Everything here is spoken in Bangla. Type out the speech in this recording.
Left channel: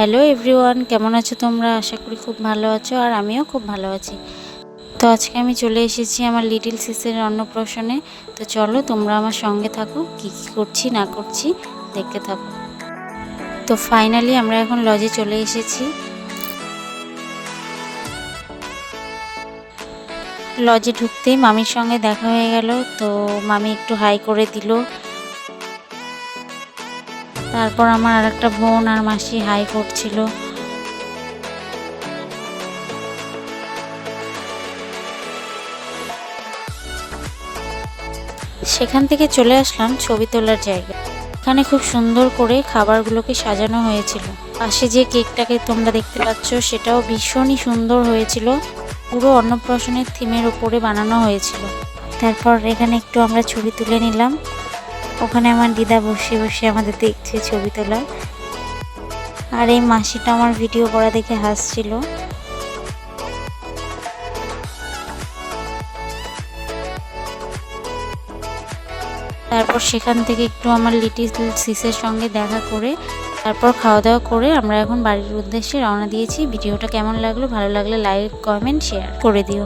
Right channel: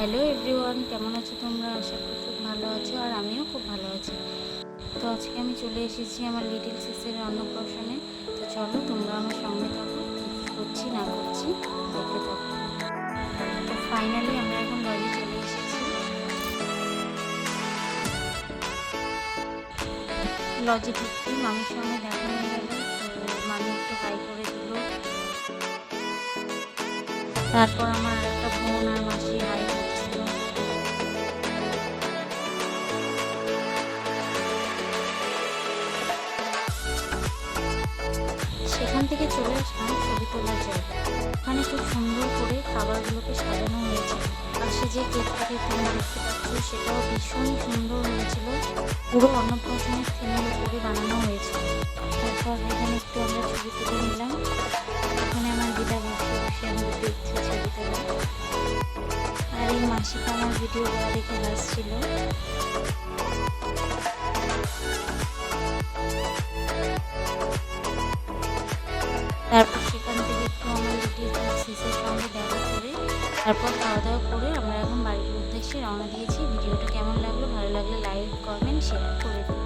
হ্যালো এভরিওয়ান, কেমন আছো তোমরা? আশা করি খুব ভালো আছো আর আমিও খুব ভালো আছি। তো আজকে আমি চলে এসেছি আমার লিটল সিসের অন্নপ্রাশনে। তো চলো তোমরা আমার সঙ্গে থাকো, কী কী করছি না করছি দেখতে থাকো। তো ফাইনালি আমরা এখন লজে চলে এসেছি। লজে ঢুকতেই মামির সঙ্গে দেখা হয়ে গেল। তো মামি একটু হাই করে দিল। তারপর আমার আর একটা বোন আর মাসি হাই করছিল। সেখান থেকে চলে আসলাম ছবি তোলার জায়গায়। এখানে খুব সুন্দর করে খাবারগুলোকে সাজানো হয়েছিল। পাশে যে কেকটাকে তোমরা দেখতে পাচ্ছ সেটাও ভীষণই সুন্দর হয়েছিল, পুরো অন্নপ্রাশনের থিমের উপরে বানানো হয়েছিল। তারপর এখানে একটু আমরা ছবি তুলে নিলাম। ওখানে আমার দিদা বসে বসে আমাদের দেখছে ছবি তোলা, আর এই মাসিটা আমার ভিডিও করা দেখে হাসছিল। তারপর সেখান থেকে একটু আমার লিটিল সিসের সঙ্গে দেখা করে তারপর খাওয়া দাওয়া করে আমরা এখন বাড়ির উদ্দেশ্যে রওনা দিয়েছি। ভিডিওটা কেমন লাগলো? ভালো লাগলে লাইক, কমেন্ট, শেয়ার করে দিও।